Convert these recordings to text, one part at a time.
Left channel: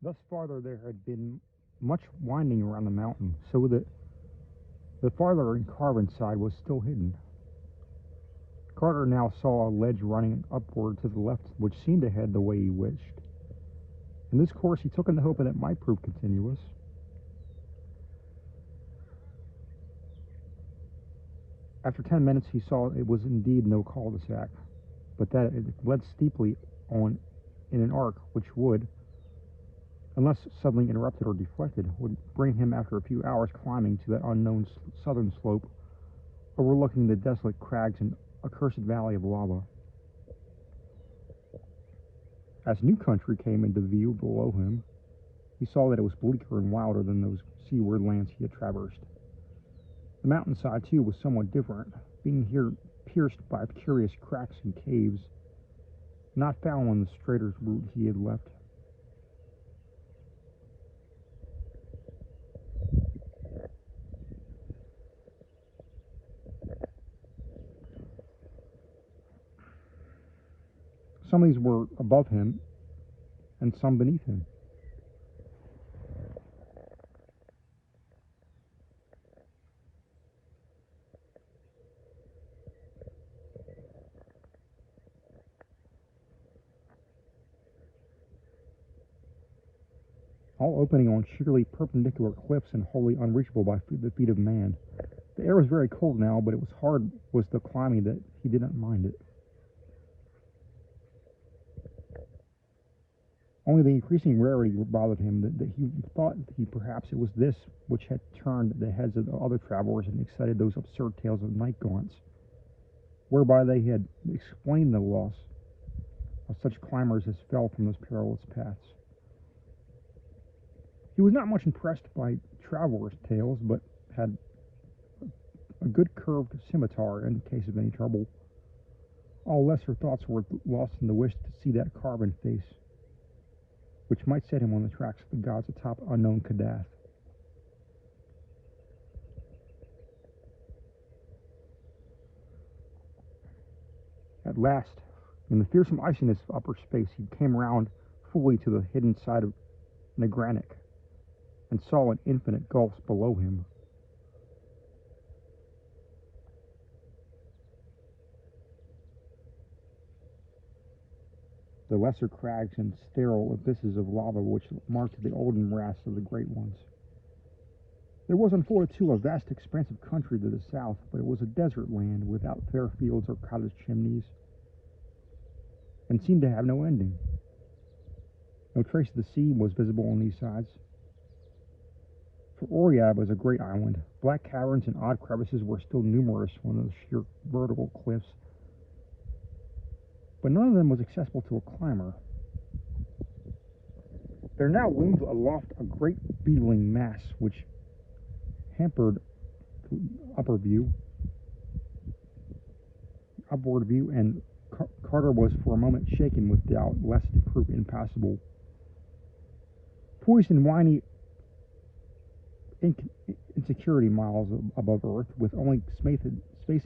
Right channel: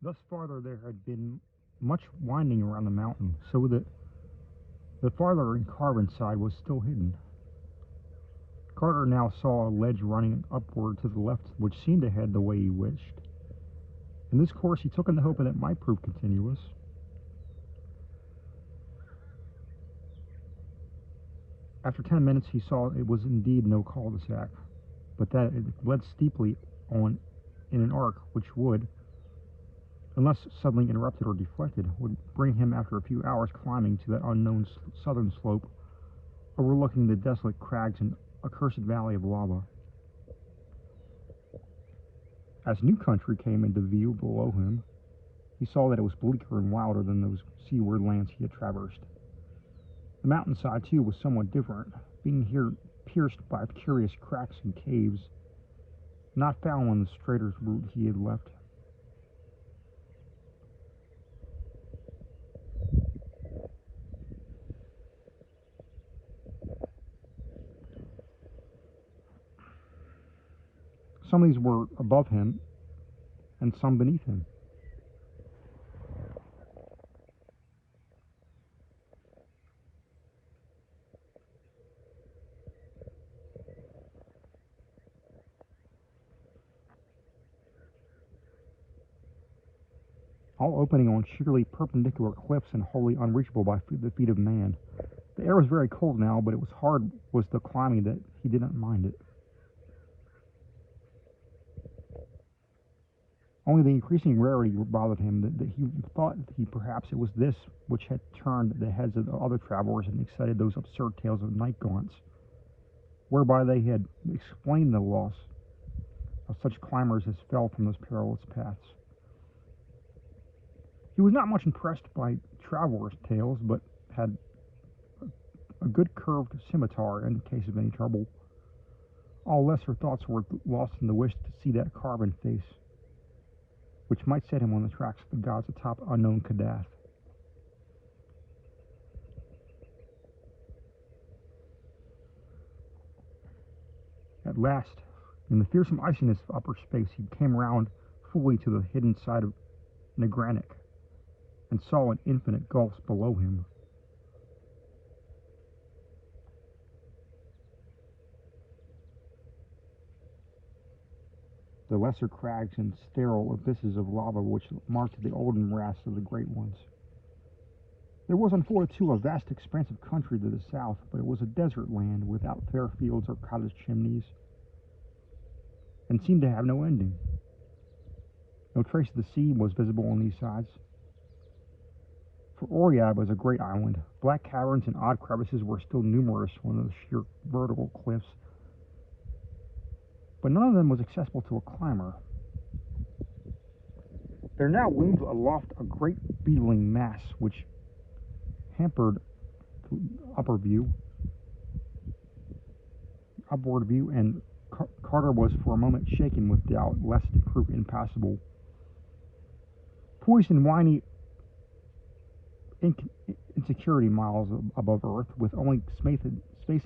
Thus farther there had been much winding around the mountain, so that the farther and carbon side was still hidden. Carter now saw a ledge running upward to the left, which seemed to head the way he wished. And this course he took in the hope that it might prove continuous. After 10 minutes, he saw it was indeed no cul-de-sac, but that it led steeply on in an arc which would, unless suddenly interrupted or deflected, would bring him after a few hours climbing to that unknown southern slope overlooking the desolate crags and accursed valley of lava. As new country came into view below him, he saw that it was bleaker and wilder than those seaward lands he had traversed. The mountainside, too, was somewhat different, being here pierced by curious cracks and caves, not found on the straighter route he had left. Some of these were above him, and some beneath him. All opening on sheerly perpendicular cliffs and wholly unreachable by the feet of man. The air was very cold now, but it was hard was the climbing that he did not mind it. Only the increasing rarity bothered him, that he thought perhaps it was this which had turned the heads of the other travelers and excited those absurd tales of night gaunts, whereby they had explained the loss of such climbers as fell from those perilous paths. He was not much impressed by travelers' tales, but had a good curved scimitar in case of any trouble. All lesser thoughts were lost in the wish to see that carven face, which might set him on the tracks of the gods atop unknown Kadath. At last, in the fearsome iciness of upper space, he came round fully to the hidden side of Negranic, and saw an infinite gulfs below him. The lesser crags and sterile abysses of lava which marked the olden morass of the great ones. There was unfolded too a vast expanse of country to the south, but it was a desert land without fair fields or cottage chimneys, and seemed to have no ending. No trace of the sea was visible on these sides. For Oriab was a great island. Black caverns and odd crevices were still numerous on those sheer vertical cliffs, but none of them was accessible to a climber. There now loomed aloft a great beetling mass which hampered the upward view, and Carter was for a moment shaken with doubt lest it prove impassable. Poised in whiny insecurity miles above Earth, with only space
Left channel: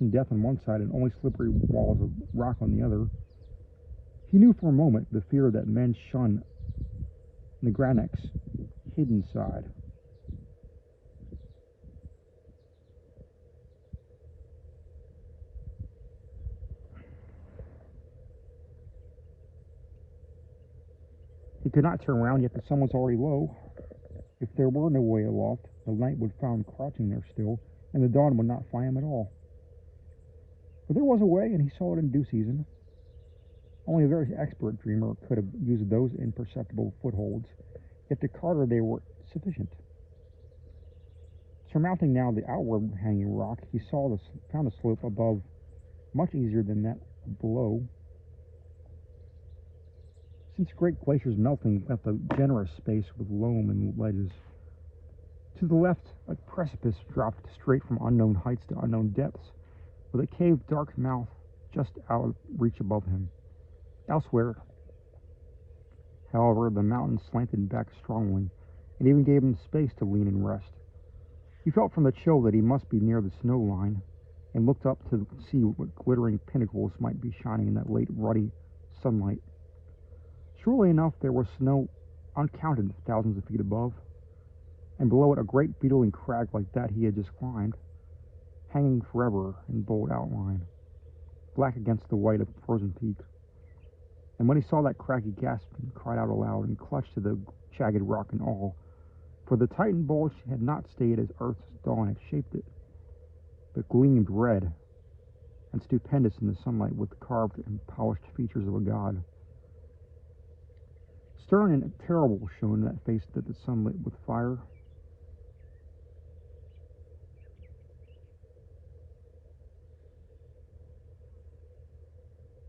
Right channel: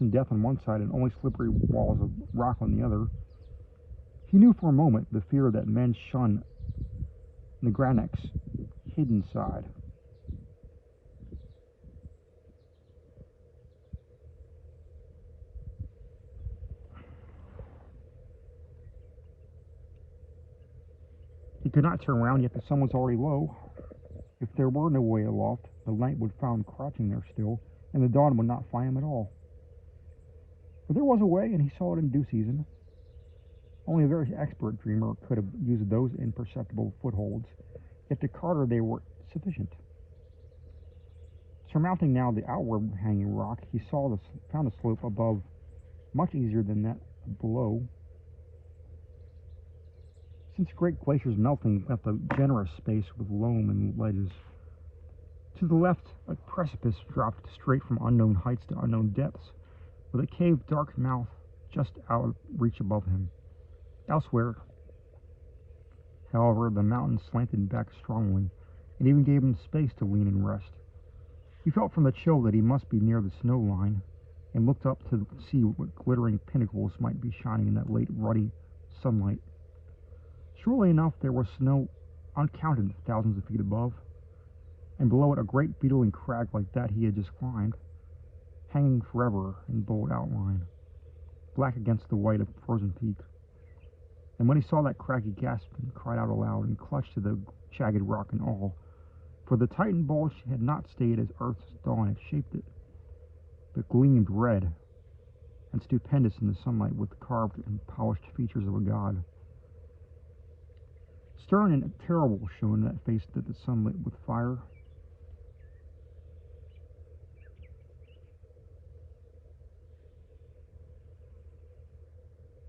and death on one side and only slippery walls of rock on the other, he knew for a moment the fear that men shun Negranic's hidden side. He could not turn round, yet the sun was already low. If there were no way aloft, the night would find him crouching there still, and the dawn would not find him at all. But there was a way, and he saw it in due season. Only a very expert dreamer could have used those imperceptible footholds, yet to Carter they were sufficient. Surmounting now the outward hanging rock, he found the slope above much easier than that below, since great glaciers melting left a generous space with loam and ledges. To the left, a precipice dropped straight from unknown heights to unknown depths, with a caved dark mouth just out of reach above him. Elsewhere, however, the mountain slanted back strongly, and even gave him space to lean and rest. He felt from the chill that he must be near the snow line, and looked up to see what glittering pinnacles might be shining in that late ruddy sunlight. Surely enough, there was snow uncounted thousands of feet above, and below it a great beetling crag like that he had just climbed, hanging forever in bold outline, black against the white of the frozen peak. And when he saw that crag, he gasped and cried out aloud and clutched to the jagged rock in awe, for the Titan bulge had not stayed as Earth's dawn had shaped it, but gleamed red and stupendous in the sunlight with the carved and polished features of a god. Stern and terrible shone that face that the sun lit with fire.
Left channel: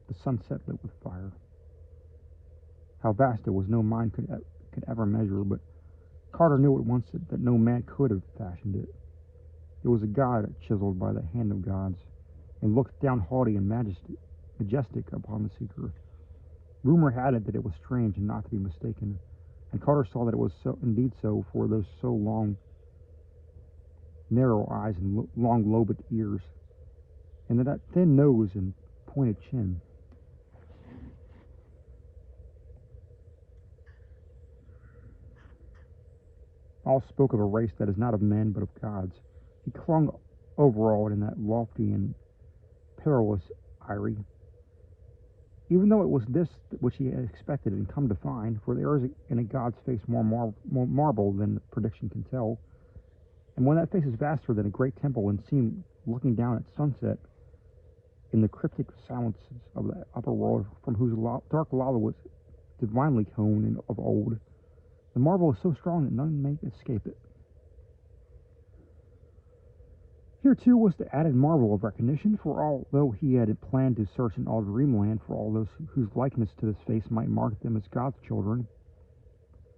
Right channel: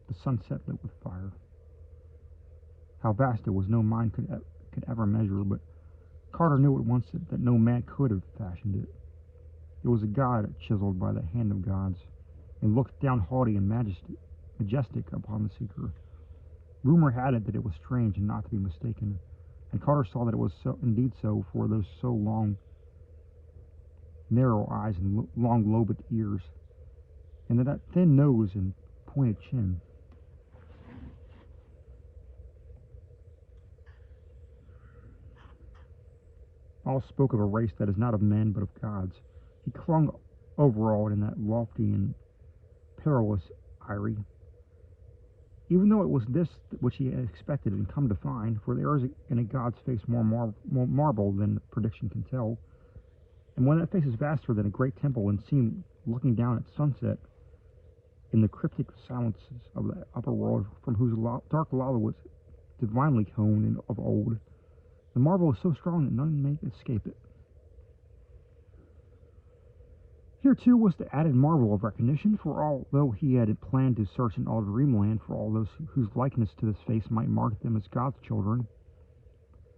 The sunset lit with fire. How vast it was, no mind could ever measure, but Carter knew at once that no man could have fashioned it. It was a god chiseled by the hand of gods, and looked down haughty and majestic upon the seeker. Rumor had it that it was strange and not to be mistaken, and Carter saw that it was indeed so, for those so long, narrow eyes and long lobed ears, and that thin nose and pointed chin. All spoke of a race that is not of men but of gods. He clung overawed in that lofty and perilous eyrie, even though it was this which he had expected and come to find, for there is in a god's face more marble than prediction can tell, and when that face is vaster than a great temple and seen looking down at sunset in the cryptic silences of the upper world from whose dark lava was divinely hewn of old, the marvel is so strong that none may escape it. Here, too, was the added marvel of recognition, for although he had planned to search in all dreamland for all those whose likeness to this face might mark them as God's children,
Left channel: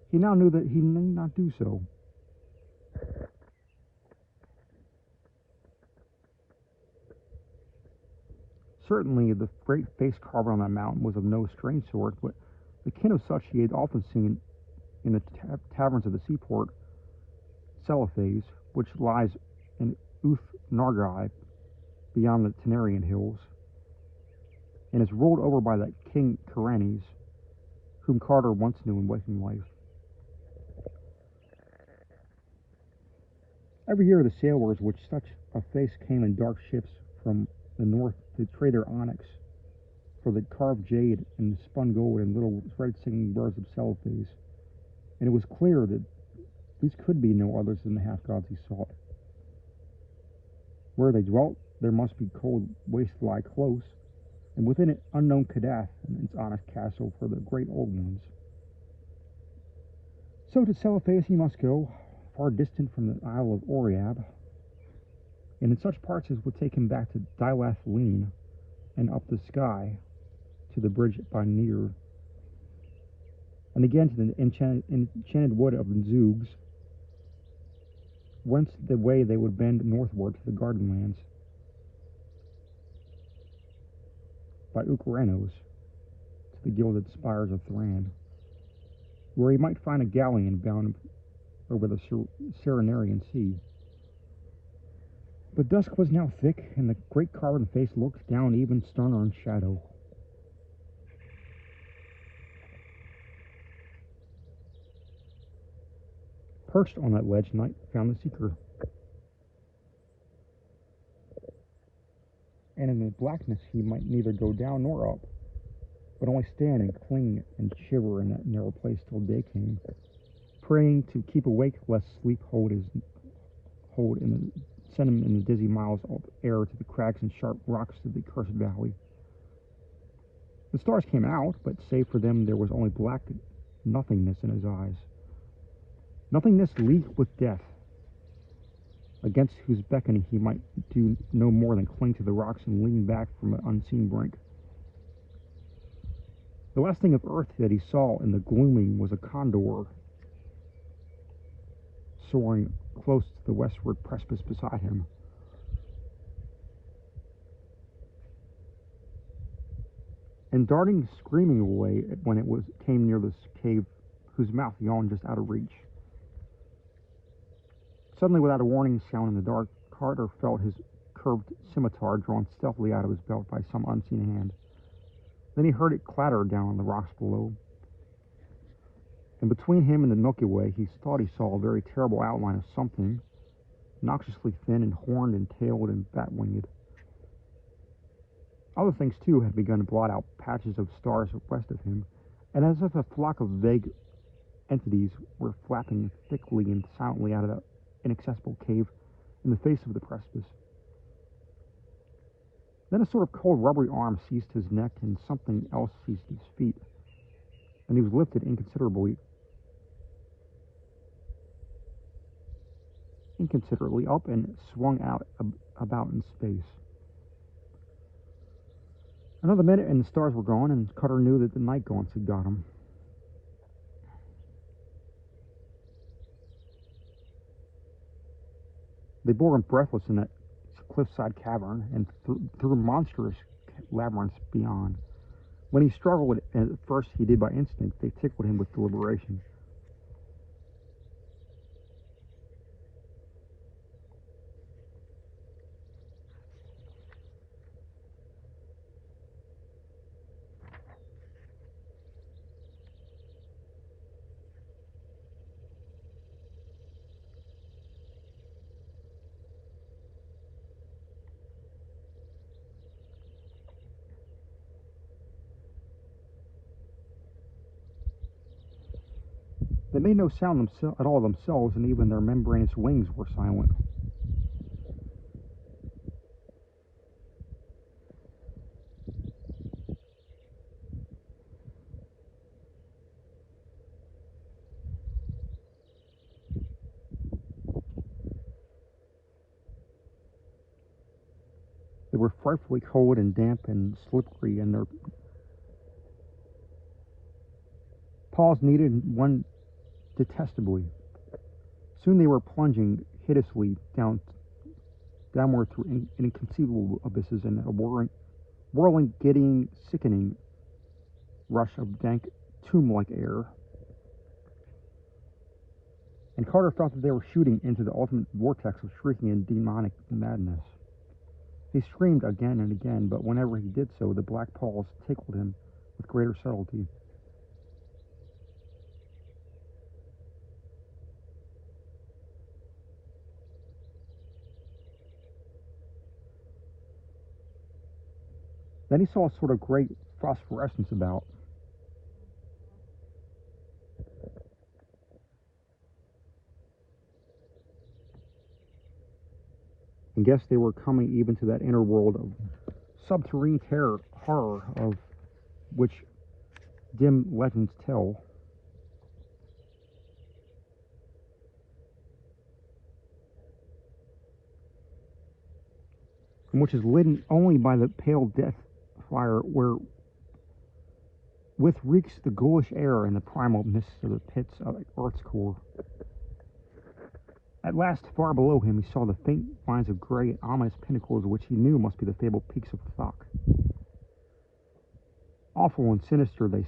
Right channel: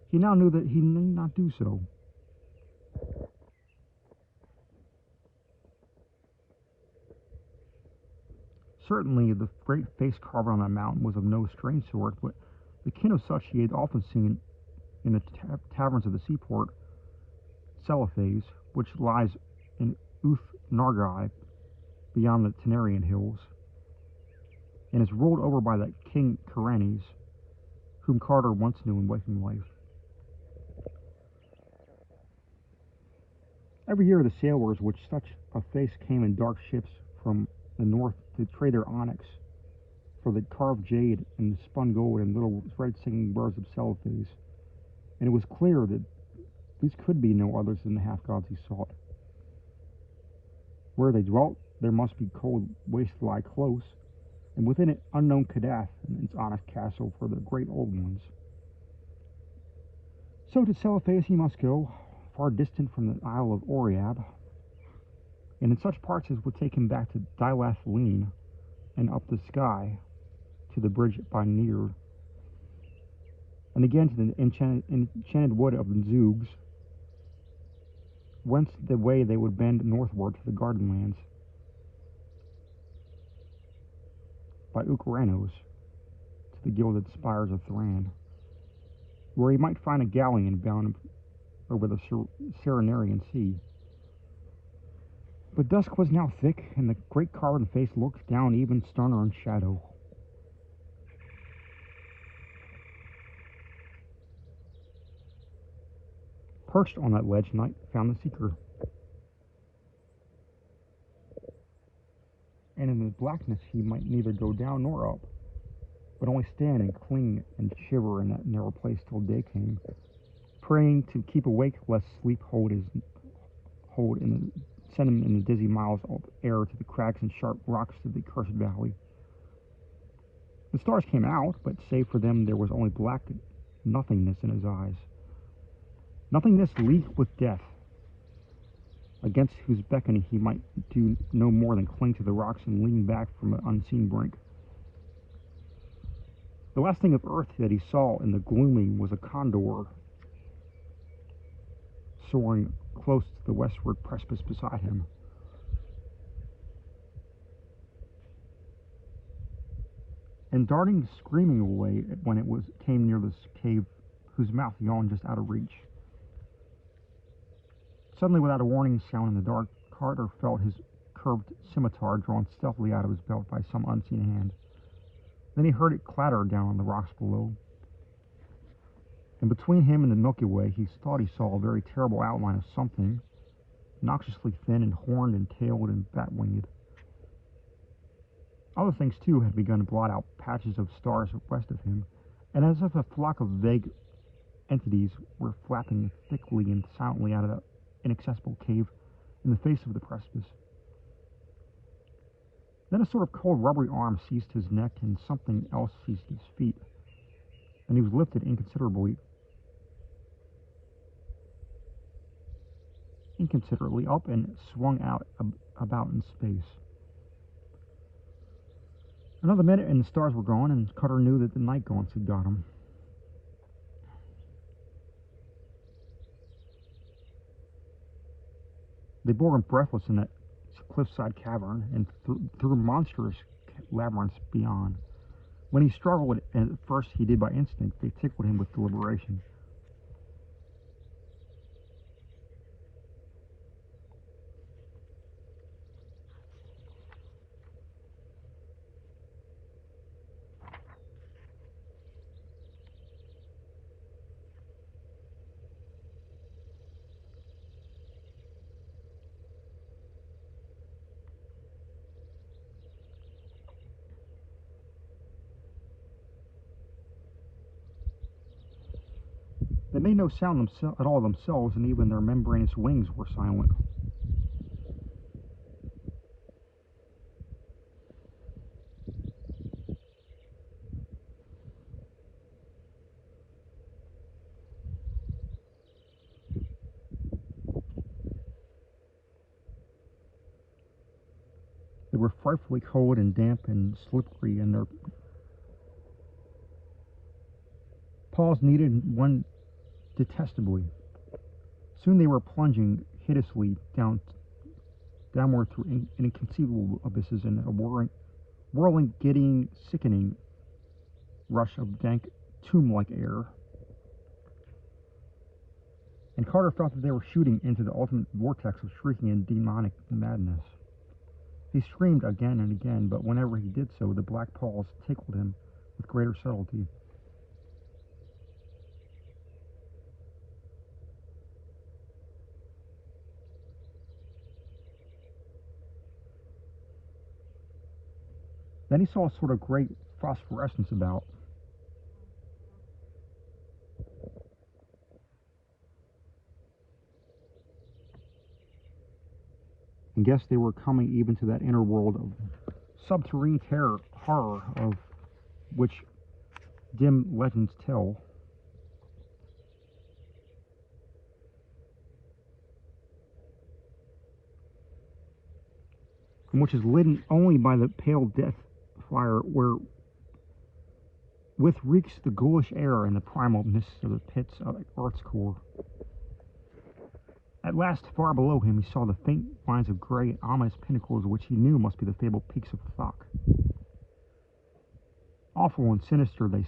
he now knew that he need not do so. Certainly, the great face carved on that mountain was of no strange sort, but the kin of such he had often seen in the taverns of the seaport, Celophae, which lies in Nargai, beyond the Tenarian hills, and is ruled over by that King Karanes, whom Carter once knew in waking life. Every year the sailors which such a face came in dark ships from the north to trade their onyx for the carved jade and spun gold and little red singing birds of Celophae, and it was clear that these could be no others than the half-gods he sought. Where they dwelt, there must be cold waste lie close, and within it unknown Kadath and its honest castle for the great old ones. So to Celophae he must go, far distant from the Isle of Oriab, and in such parts as would take him back to Dilathaline and up the Skye to the bridge by Near, and again to the enchanted wood of the Zoogs, whence the way they would bend northward to the garden lands by Ukaranos to the gilded spires of Thran, where he might find a galleon bound over the Serenarian Sea. But dusk was now thick, and the great carven face looked down even sterner in shadow. Perched on that ledge, Night found the seeker. And in the blackness he might neither go down nor up, but only stand and cling and shiver in that narrow place till day came, praying to keep awake lest sleep send him in the dizzy miles of air to the crags and sharp rocks of the cursed valley. The stars came out, but save for them there was only black nothingness in his eyes. Nothingness leagued with death, against whose beckoning he might do no more than cling to the rocks and lean back from an unseen brink. The last thing of earth that he saw in the gloaming was a condor soaring close to the westward precipice beside him. And darting screaming away when it came near this cave whose mouth yawned just out of reach. Suddenly, without a warning sound in the dark, Carter felt his curved scimitar drawn stealthily out of his belt by some unseen hand. Then he heard it clatter down on the rocks below. And between him and the Milky Way, he thought he saw a very terrible outline of something, noxiously thin and horned and tailed and bat-winged. Other things, too, had begun to blot out patches of stars west of him, and as if a flock of vague entities were flapping thickly and silently out of the inaccessible cave in the face of the precipice. Then a sort of cold, rubbery arm seized his neck, and something else seized his feet, and he was lifted inconsiderately up and swung out about in space. Another minute and the stars were gone, and Cutter knew that the night gaunts had got him. They bore him breathless in that cliffside cavern and through monstrous labyrinths beyond. When he struggled, at first he did by instinct, they tickled him with deliberation. They made no sound at all themselves, and even their membranous wings were silent. They were frightfully cold and damp and slippery, and their paws needed one detestably. Soon they were plunging hideously downward through inconceivable abysses and a whirling, giddying, sickening rush of dank, tomb-like air. And Carter felt that they were shooting into the ultimate vortex of shrieking and demonic madness. He screamed again and again, but whenever he did so, the black paws tickled him with greater subtlety. Then he saw a sort of great phosphorescence about. And guessed they were coming even to that inner world of subterranean horror of which dim legends tell. And which is lit only by the pale death fire where with reeks the ghoulish air and the primal mists of the pits of Earth's core. At last, far below him, he saw the faint lines of gray, ominous pinnacles which he knew must be the fabled peaks of Thok. Awful and sinister they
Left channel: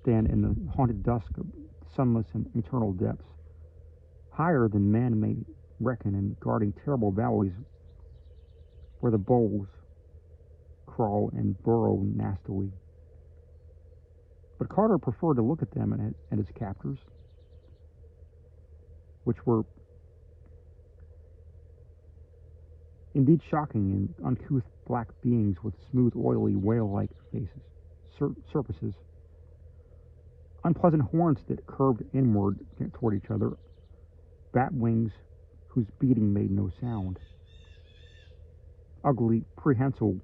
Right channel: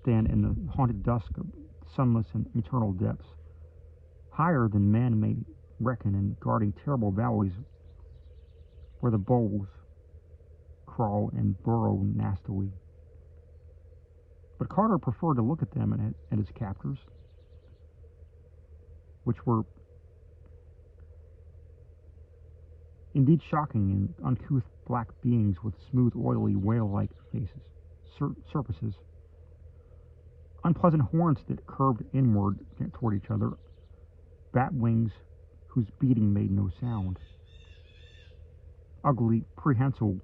stand in the haunted dusk of sunless and eternal depths, higher than man may reckon, and guarding terrible valleys where the bulls crawl and burrow nastily. But Carter preferred to look at them and at his captors, which were indeed shocking and uncouth black beings with smooth, oily, whale-like faces, surfaces, unpleasant horns that curved inward toward each other, bat wings whose beating made no sound, ugly, prehensile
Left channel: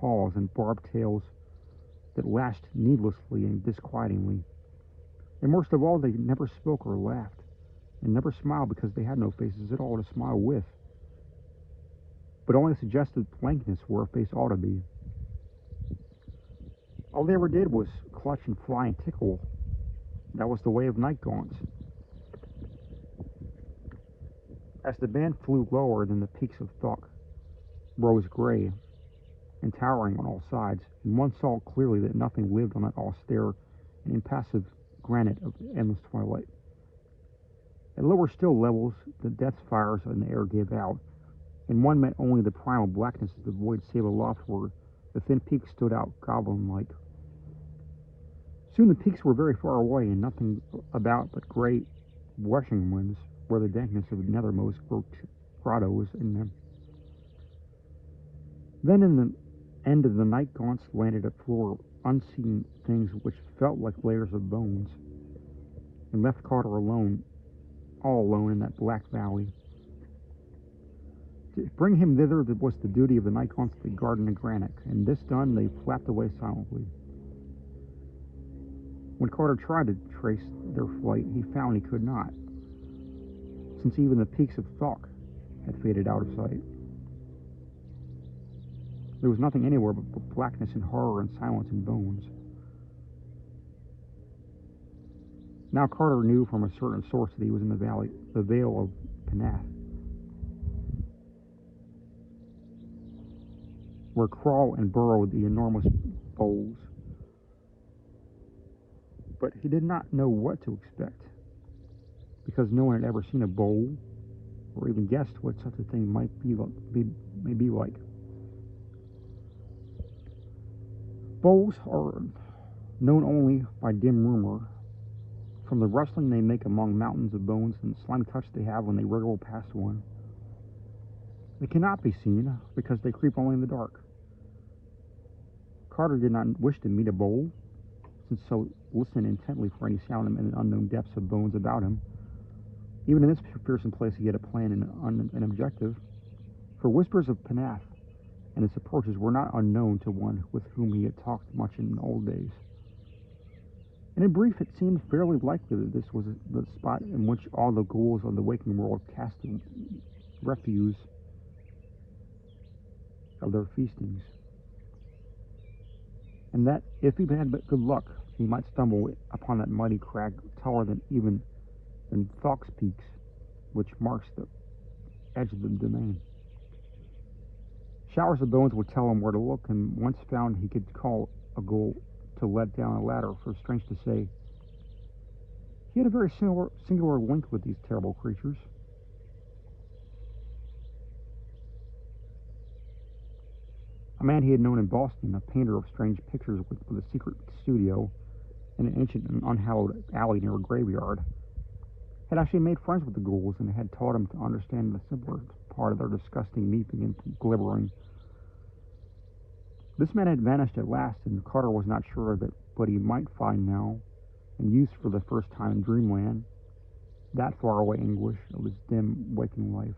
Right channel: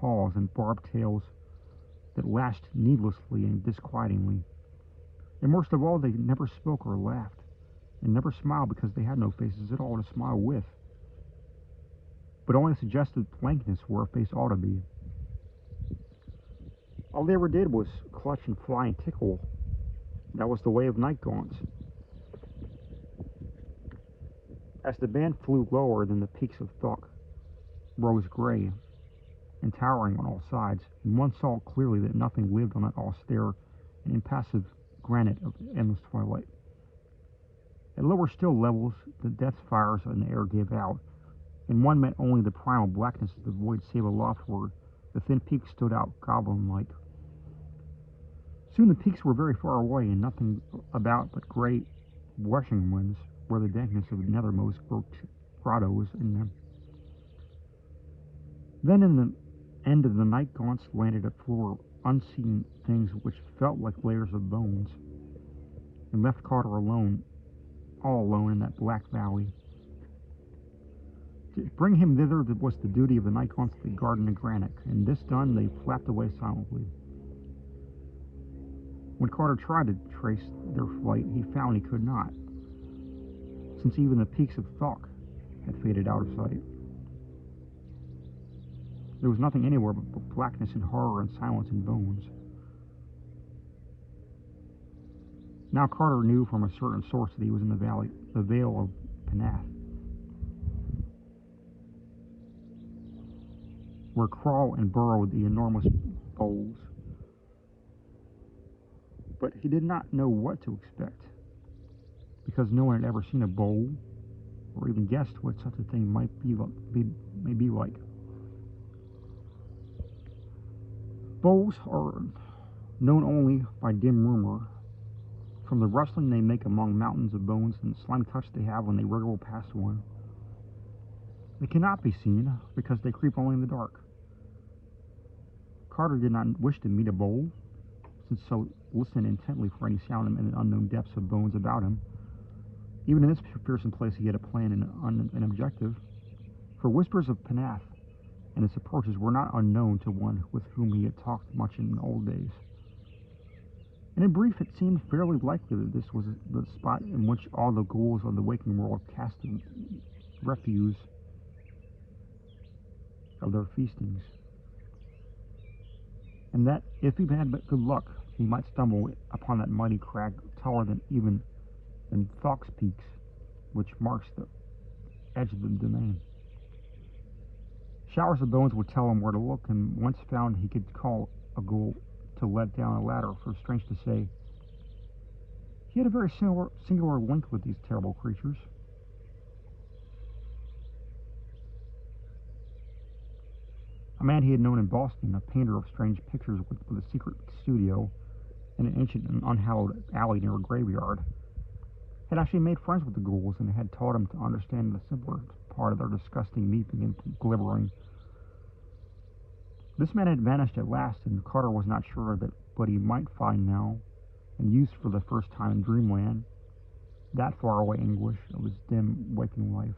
paws and barbed tails that lashed needlessly and disquietingly. And worst of all, they never spoke or laughed, and never smiled because they had no faces at all to smile with, but only suggested blankness where a face ought to be. All they ever did was clutch and fly and tickle. That was the way of night gaunts. As the band flew lower than the peaks of Thok rose gray and towering on all sides, and one saw clearly that nothing lived on that austere and impassive granite of endless twilight. At lower still levels, the death fires in the air gave out, and one met only the primal blackness of the void save aloft where the thin peaks stood out goblin-like. Soon the peaks were very far away, and nothing about but great rushing winds, where the dankness of the nethermost worked grottos in them. Then in the end of the night gaunts landed a floor of unseen things which felt like layers of bones, and left Carter alone, all alone in that black valley. To bring him thither was the duty of the night gaunts that guarded the granite, and this done, they flapped away silently. When Carter tried to trace their flight, he found he could not, since even the peaks of Thok had faded out of sight. There was nothing anywhere but blackness and horror and silence and bones. Now Carter knew from a certain source that he was in the Vale of Kadath, where crawl and burrow the enormous bowls. But he did not know what to expect, because no one had ever seen a bowl, or even guessed what such a thing may be like. Bowls are known only by dim rumor, from the rustling they make among mountains of bones and the slimy touch they have when they wriggle past one. They cannot be seen, because they creep only in the dark. Carter did not wish to meet a bowl, since so listen intently for any sound in the unknown depths of bones about him. Even in this fearsome place he had a plan and an objective, for whispers of Kadath and its approaches were not unknown to one with whom he had talked much in old days. And in brief, it seemed fairly likely that this was the spot in which all the ghouls of the waking world cast the refuse of their feastings, and that if he had but good luck, he might stumble upon that mighty crag taller than Thok's peaks, which marks the edge of the domain. Showers of bones would tell him where to look, and once found he could call a ghoul to let down a ladder, for strange to say, he had a very singular link with these terrible creatures. A man he had known in Boston, a painter of strange pictures with a secret studio in an ancient and unhallowed alley near a graveyard, had actually made friends with the ghouls and had taught him to understand the simpler part of their disgusting meeping and glibbering. This man had vanished at last, and Carter was not sure that what he might find now, and use for the first time in dreamland, that faraway anguish of his dim waking life.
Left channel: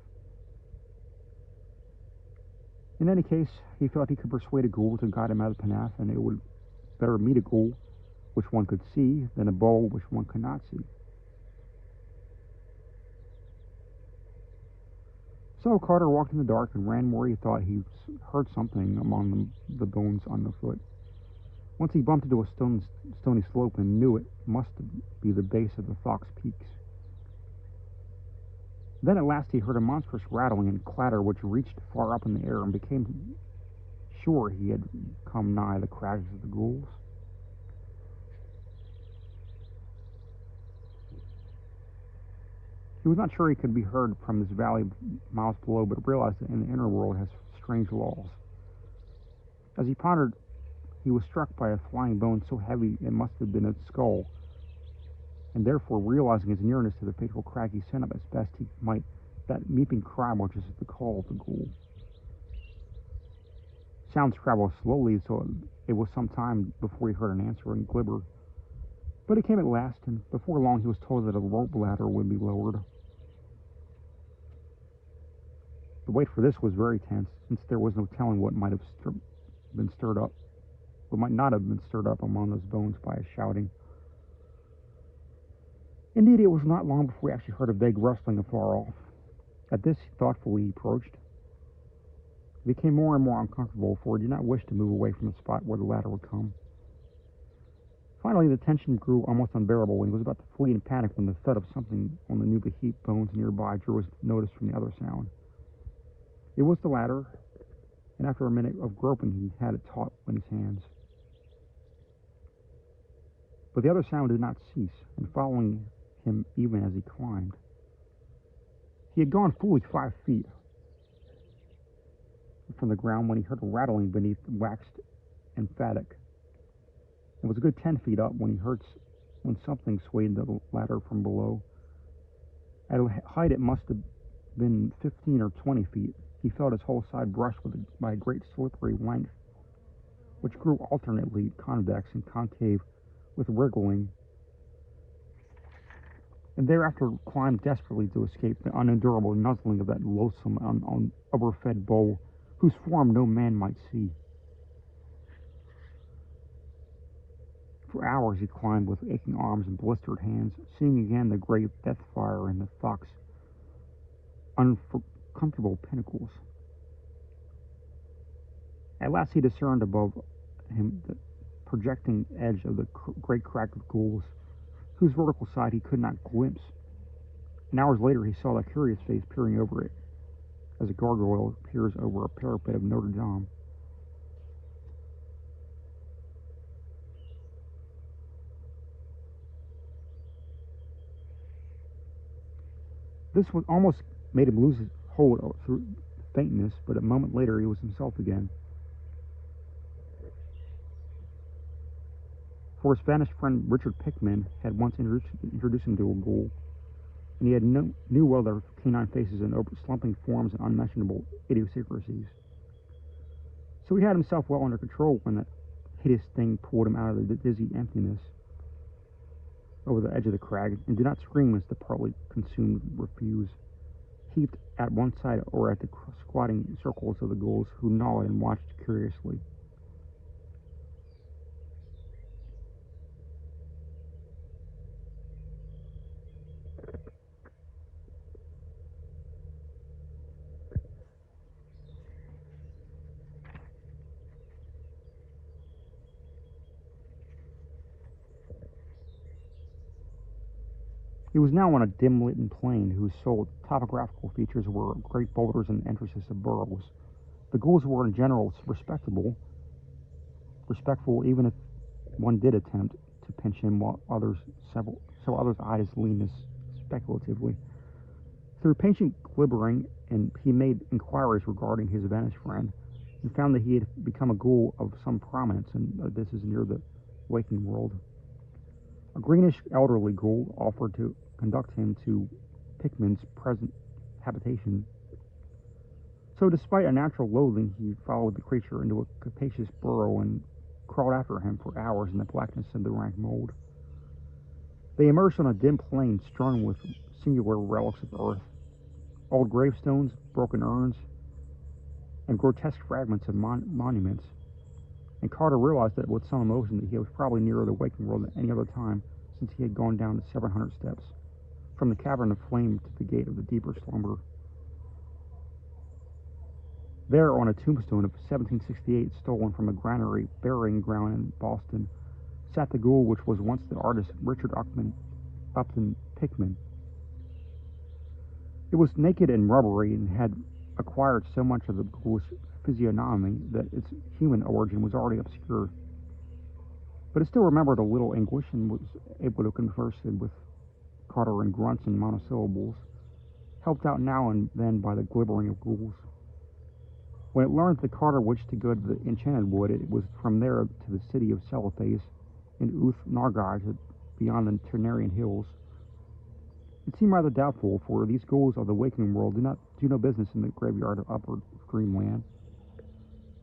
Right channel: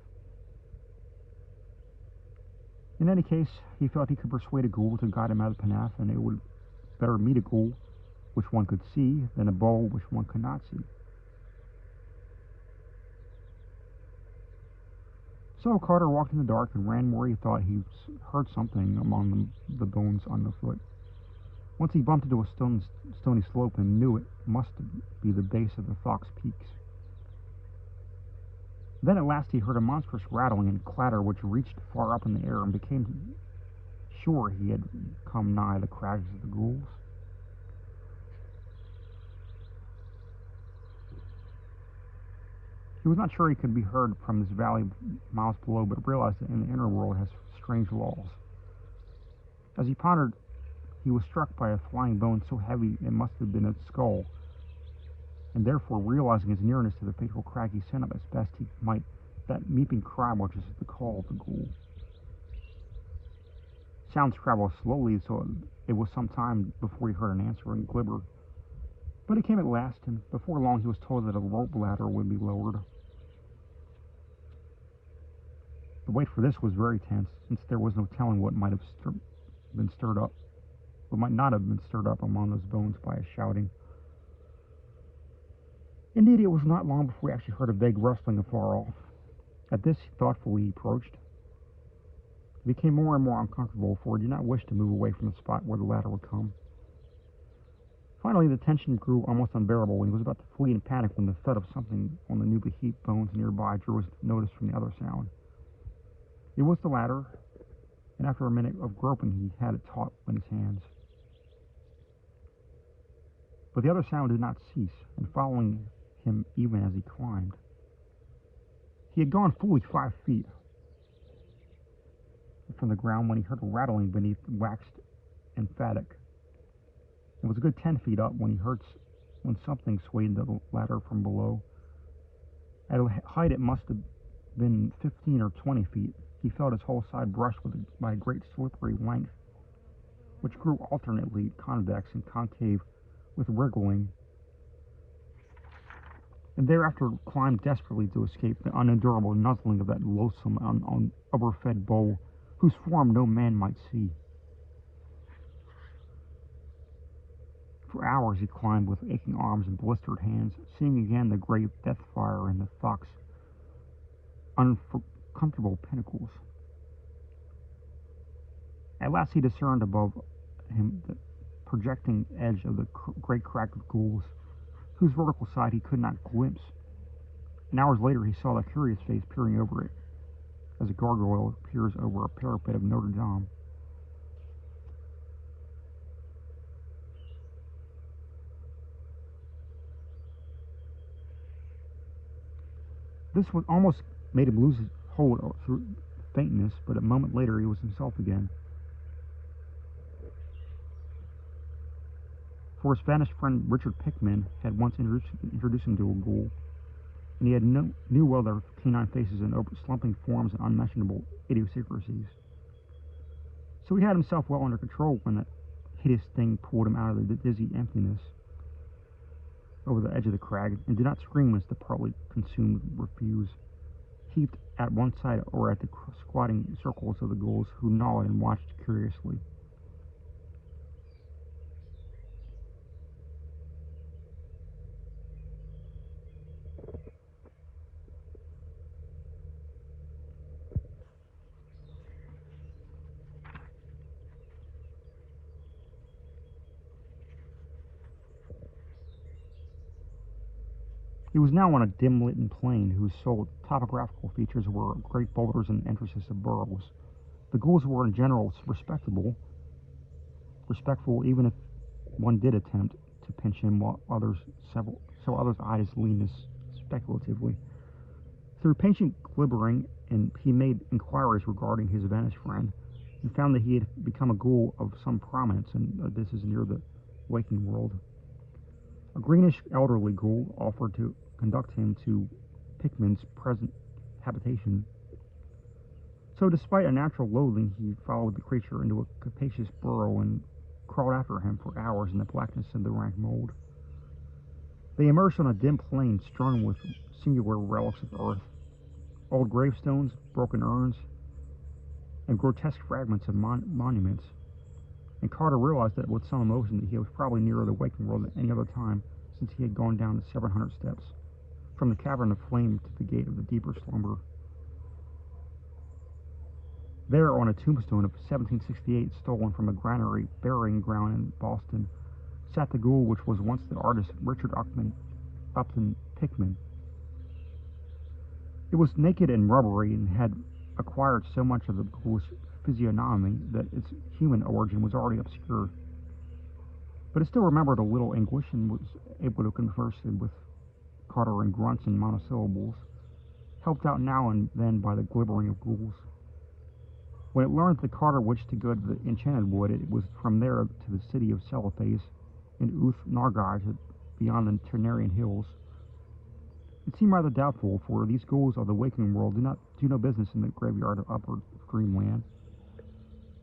In any case, he felt he could persuade a ghoul to guide him out of Kadath, and it would better meet a ghoul which one could see than a bowl which one could not see. So Carter walked in the dark and ran where he thought he heard something among the bones underfoot. Once he bumped into a stony slope and knew it must be the base of the Thok's peaks. Then at last he heard a monstrous rattling and clatter which reached far up in the air, and became sure he had come nigh the crags of the ghouls. He was not sure he could be heard from this valley miles below, but realized that in the inner world has strange laws. As he pondered, he was struck by a flying bone so heavy it must have been a skull, and therefore, realizing his nearness to the fateful crag, he sent up as best he might that meeping cry which is the call of the ghoul. Sounds traveled slowly, so it was some time before he heard an answering glimmer. But it came at last, and before long he was told that a rope ladder would be lowered. The wait for this was very tense, since there was no telling what might have been stirred up, what might not have been stirred up among those bones by a shouting. Indeed, it was not long before he actually heard a vague rustling afar off. At this, thoughtfully he approached. He became more and more uncomfortable, for he did not wish to move away from the spot where the ladder would come. Finally, the tension grew almost unbearable, and he was about to flee in panic when the thud of something on the newly heaped bones nearby drew his notice from the other sound. It was the ladder, and after a minute of groping, he had it taut in his hands. But the other sound did not cease, and following him even as he climbed. He had gone fully 5 feet from the ground when he heard a rattling beneath, waxed emphatic. It was a good 10 feet up when something swayed the ladder from below. At a height it must have been 15 or 20 feet. He felt his whole side brushed by a great slippery length, which grew alternately convex and concave with wriggling, and thereafter climbed desperately to escape the unendurable nuzzling of that loathsome, overfed bull, whose form no man might see. For hours he climbed with aching arms and blistered hands, seeing again the great death fire and the fox uncomfortable pinnacles. At last he discerned above him the projecting edge of the great crag of ghouls, whose vertical side he could not glimpse. And hours later he saw a curious face peering over it, as a gargoyle peers over a parapet of Notre Dame. This one almost made him lose his hold through faintness, but a moment later he was himself again. For his vanished friend Richard Pickman had once introduced him to a ghoul, and he had knew well their canine faces and slumping forms and unmentionable idiosyncrasies. So he had himself well under control when that hideous thing pulled him out of the dizzy emptiness over the edge of the crag, and did not scream as the partly consumed refuse heaped at one side or at the squatting circles of the ghouls who gnawed and watched curiously. He was now on a dim-lit plain whose sole topographical features were great boulders and entrances of burrows. The ghouls were in general respectful even if one did attempt to pinch him, while others eyed his leanness speculatively. Through patient glibbering, and he made inquiries regarding his vanished friend, and found that he had become a ghoul of some prominence, and this is near the waking world. A greenish elderly ghoul offered to conduct him to Pickman's present habitation. So despite a natural loathing, he followed the creature into a capacious burrow and crawled after him for hours in the blackness of the rank mold. They emerged on a dim plain strewn with singular relics of earth, old gravestones, broken urns, and grotesque fragments of monuments. And Carter realized that with some emotion that he was probably nearer the waking world than any other time since he had gone down the 700 steps, from the cavern of flame to the gate of the deeper slumber. There, on a tombstone of 1768 stolen from a granary burying ground in Boston, sat the ghoul which was once the artist Richard Upton Pickman. It was naked and rubbery and had acquired so much of the ghoulish physiognomy that its human origin was already obscure. But it still remembered a little English and was able to converse with Carter in grunts and monosyllables, helped out now and then by the glibbering of ghouls. When it learned that Carter wished to go to the Enchanted Wood, it was from there to the city of Celophace in Uth Nargai beyond the Ternarian hills. It seemed rather doubtful, for these ghouls of the waking world do no business in the graveyard of Upper Dreamland,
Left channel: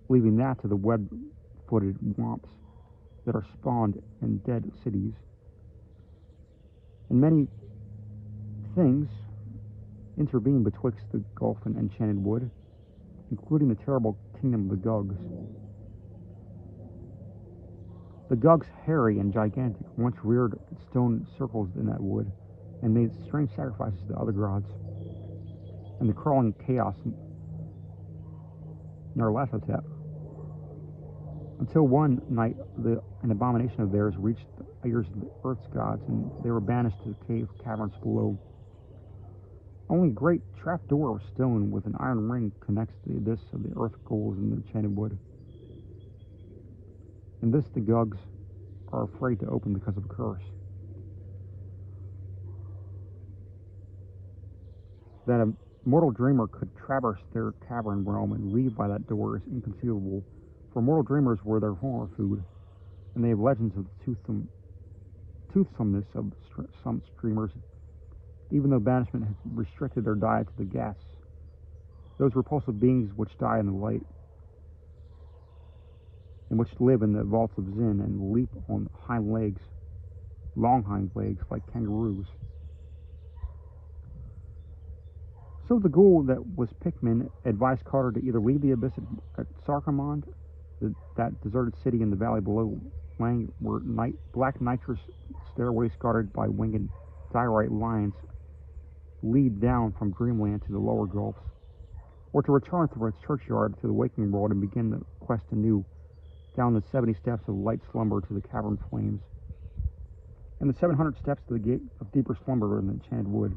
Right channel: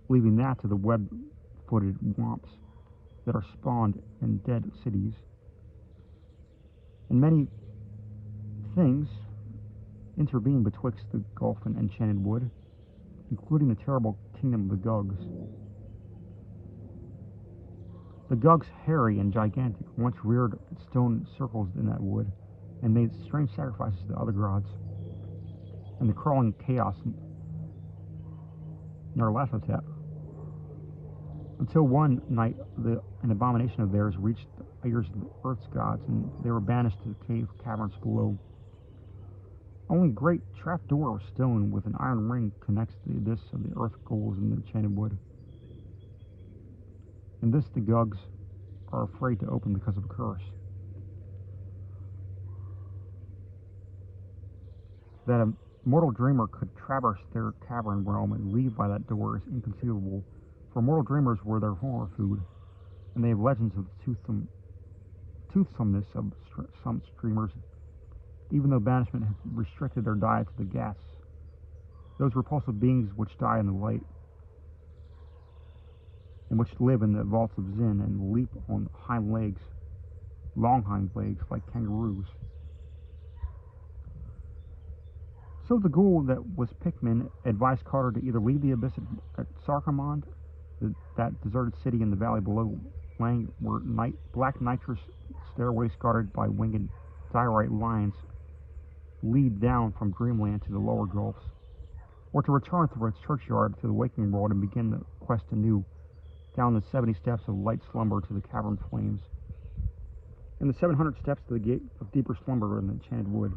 leaving that to the web-footed womps that are spawned in dead cities. And many things intervene betwixt the Gulf and Enchanted Wood, including the terrible kingdom of the Gugs. The Gugs, hairy and gigantic, once reared stone circles in that wood, and made strange sacrifices to other gods. And the crawling chaos Nyarlathotep, until one night an abomination of theirs reached the ears of the earth's gods, and they were banished to the cave caverns below. Only a great trap-door of stone with an iron ring connects the abyss of the earth ghouls in the Enchanted Wood. And this the Gugs are afraid to open because of a curse. That a mortal dreamer could traverse their cavern realm and leave by that door is inconceivable, for mortal dreamers were their horror food. and they have legends of the toothsomeness of some streamers, even though banishment has restricted their diet to the gas. Those repulsive beings which die in the light, and which live in the vaults of Zin and leap on long hind legs like kangaroos. So the ghoul that was Pikmin advised Carter to either leave the abyss at Sarkamond, that deserted city in the valley below Lang, where black nitrous stairways guarded by winged diorite lions lead down from Dreamland to the lower gulfs, or to return through its churchyard to the waking world and begin the quest anew, down the 70 steps of light slumber to the cavern flames, and the 700 steps to the gate of deeper slumber in the enchanted wood.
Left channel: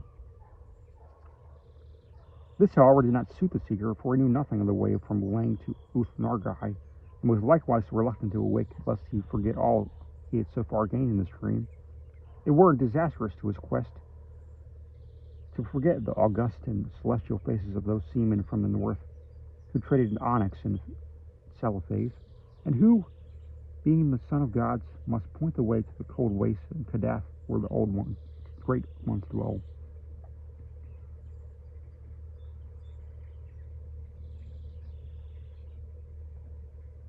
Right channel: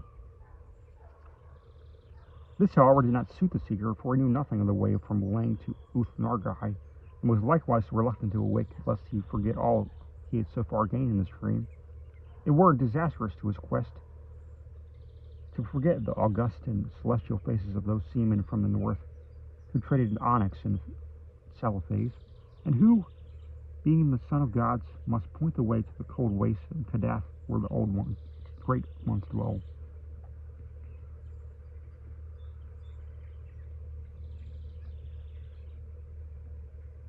This, however, did not suit the seeker, for he knew nothing of the way from Lang to Uth-Nargai, and was likewise reluctant to awake lest he forget all he had so far gained in this dream. It were disastrous to his quest to forget the august and celestial faces of those seamen from the north who traded in onyx and cellophane, and who, being the son of gods, must point the way to the cold wastes in Kadath where the great ones dwell.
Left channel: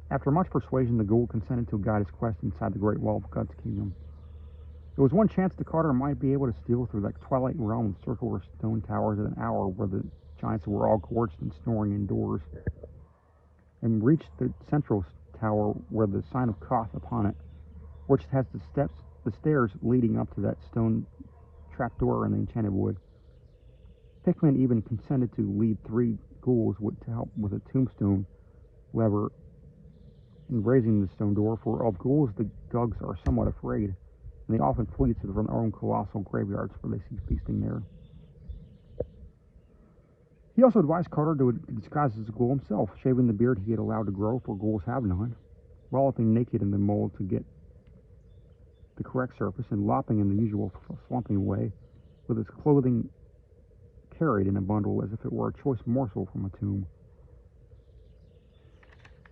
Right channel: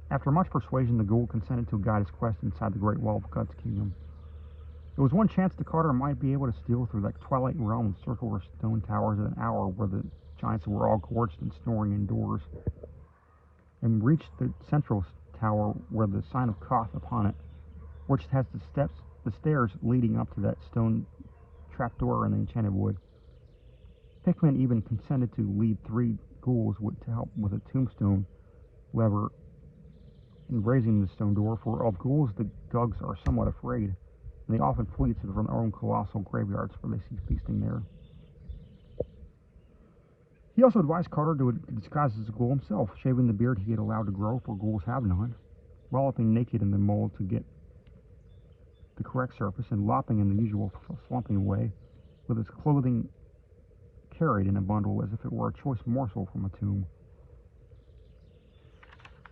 After much persuasion, the ghoul consented to guide his quest inside the great wall of God's kingdom. There was one chance that Carter might be able to steal through that twilight realm of circular stone towers at an hour where the giants were all gorged and snoring indoors, and reach the central tower where the sign of Koth upon it, which has the stairs leading up to that stone trapdoor in the enchanted wood. Pikmin even consented to lead 3 ghouls to help with a tombstone lever in raising the stone door, for of ghouls the Gugs are somewhat afraid, and they often flee to their own colossal graveyards where they see feasting there. He also advised Carter to disguise as a ghoul himself, shaving the beard he had allowed to grow, for ghouls have none, walloping naked in the mold to get the correct surface, and lopping in the usual slumping way, with his clothing carried in a bundle as if it were a choice morsel from a tomb.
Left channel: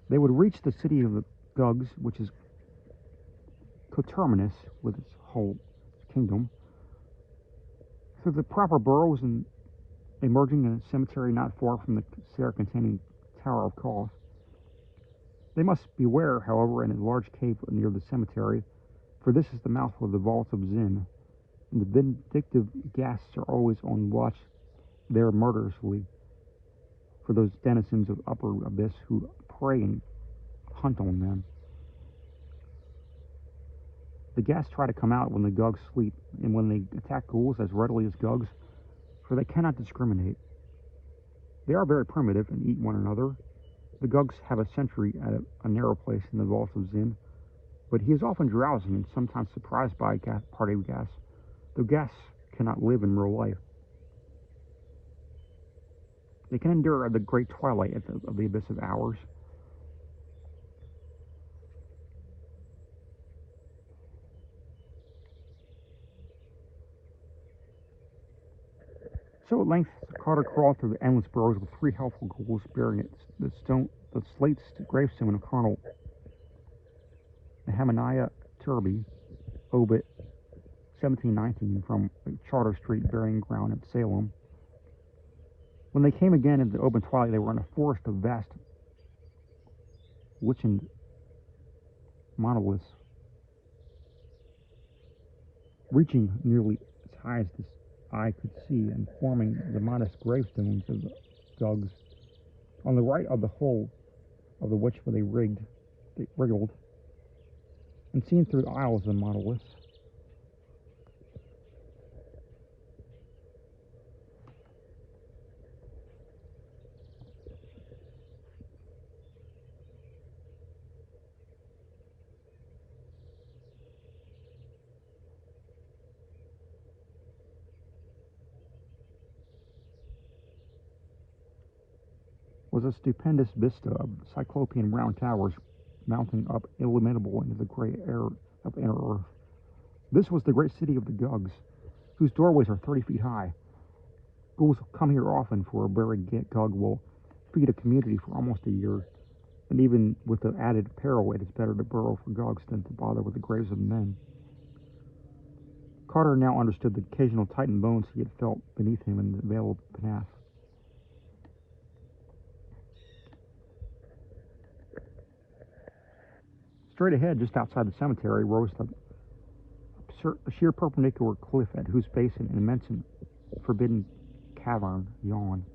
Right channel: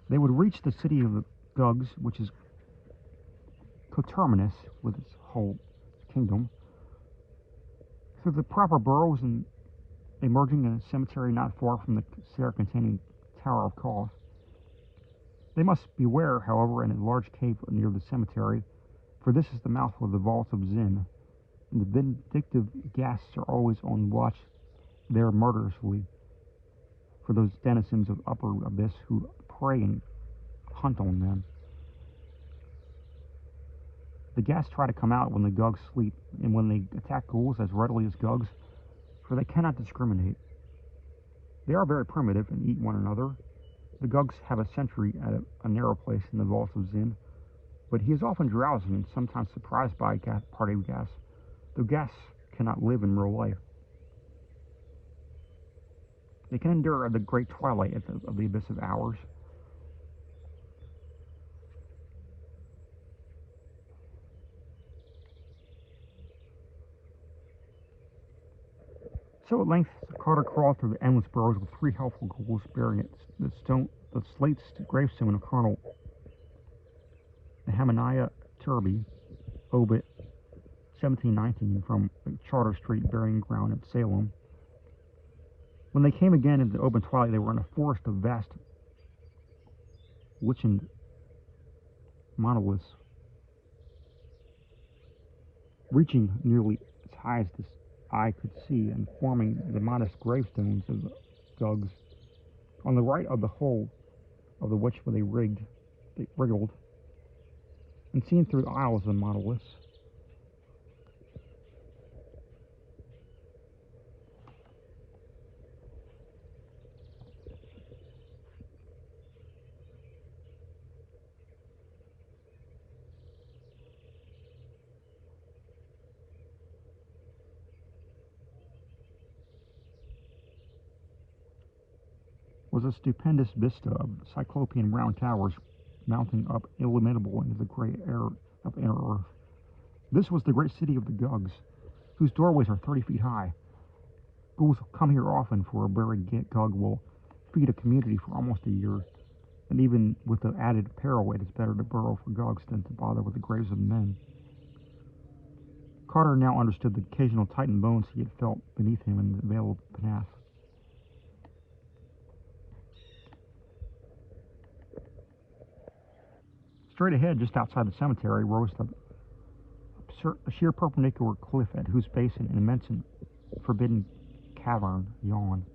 They would reach the city of the Gugs, which is coterminous with its whole kingdom, through the proper burrows and emerging in a cemetery not far from the stair containing Tower of Koth. They must beware, however, in a large cave near the cemetery, for this is the mouth of the vaults of Zin, and the vindictive ghasts are always on watch there murderously for those denizens of upper abyss who prey and hunt on them. The ghasts try to come out when the Gugs sleep, and when they attack ghouls as readily as Gugs, for they cannot discriminate. They are very primitive and eat one another. The Gugs have a sentry at a narrow place in the vaults of Zin, but he is often drowsy and sometimes surprised by a party of ghasts, though ghasts cannot live in real life. They can endure the great twilight of the abyss of hours. So at length Carter crawled through the endless burrows with 3 helpful ghouls bearing the slate gravestone of Colonel Nehemiah Turby, Obit, 1719, from Charter Street burying ground at Salem. When they came again into the open twilight, they were in a forest of vast, lichened monoliths, reaching nearly as high as the eye could see, and forming the modest gravestones of the Gugs. On the right of the hull of the which they wriggled, and seen through the aisles of the monoliths, was a stupendous vista of cyclopean round towers mounting up illimitable into the gray air of inner earth. This was the great city of the Gugs, whose doorways are 30 feet high. Ghouls come here often, for a buried Gug will feed a community for almost a year. and even with the added peril, it is better to burrow for Gogs than to bother with the graves of men. Carter now understood the occasional tightened bones he had felt beneath him in the Vale of Kadath. Straight ahead, just outside the cemetery, rose a sheer perpendicular cliff at whose base an immense and forbidden cavern yawned.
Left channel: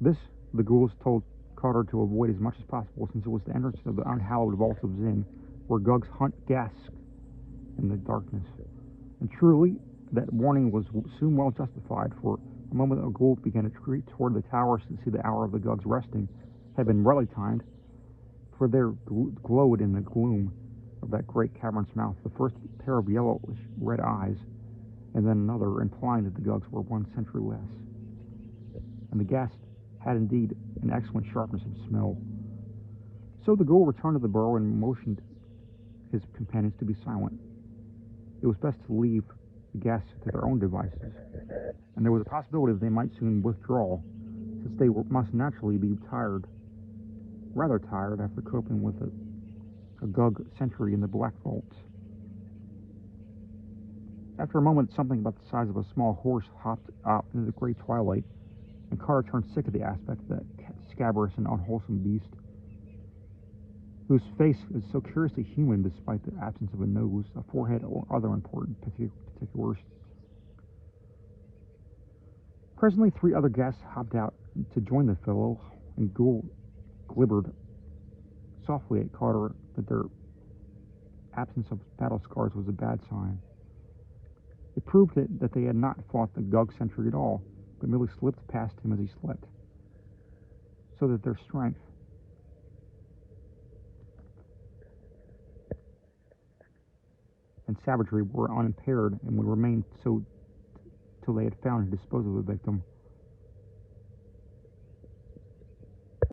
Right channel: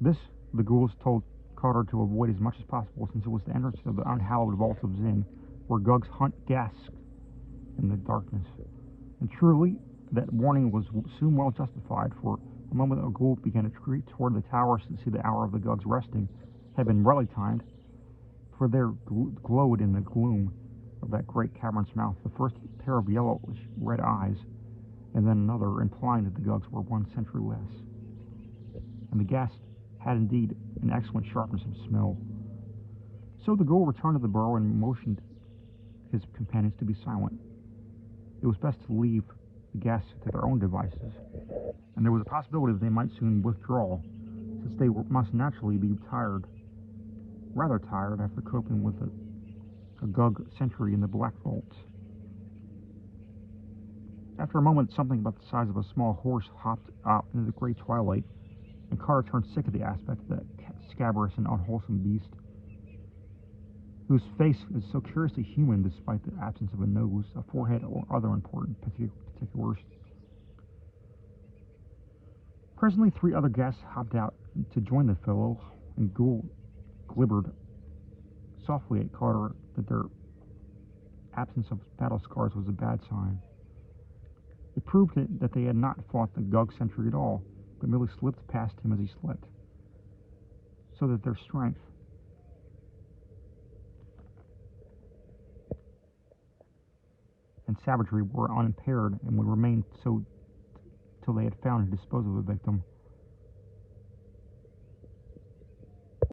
This, the ghouls told Carter to avoid as much as possible, since it was the entrance of the unhallowed vault of Zin, where Gug's hunt gasped in the darkness. And truly, that warning was soon well justified, for the moment a ghoul began to retreat toward the towers to see the hour of the Gug's resting had been rightly timed, for there glowed in the gloom of that great cavern's mouth the first pair of yellowish-red eyes, and then another, implying that the Gugs were 1 century less. And the gas had indeed an excellent sharpness of smell. So the ghoul returned to the burrow and motioned his companions to be silent. It was best to leave the guests to their own devices, and there was a possibility that they might soon withdraw, since they must naturally be rather tired after coping with a Gug century in the Black Vaults. After a moment, something about the size of a small horse hopped out into the gray twilight, and Carter turned sick at the aspect of that scabrous and unwholesome beast, whose face was so curiously human despite the absence of a nose, a forehead, or other important particulars. Presently, 3 other guests hopped out to join the fellow, and Ghoul glibbered softly at Carter that their absence of battle scars was a bad sign. It proved that they had not fought the Gug sentry at all, but merely slipped past him as he slept, so that their strength and savagery were unimpaired and would remain so till they had found and disposed of the victim.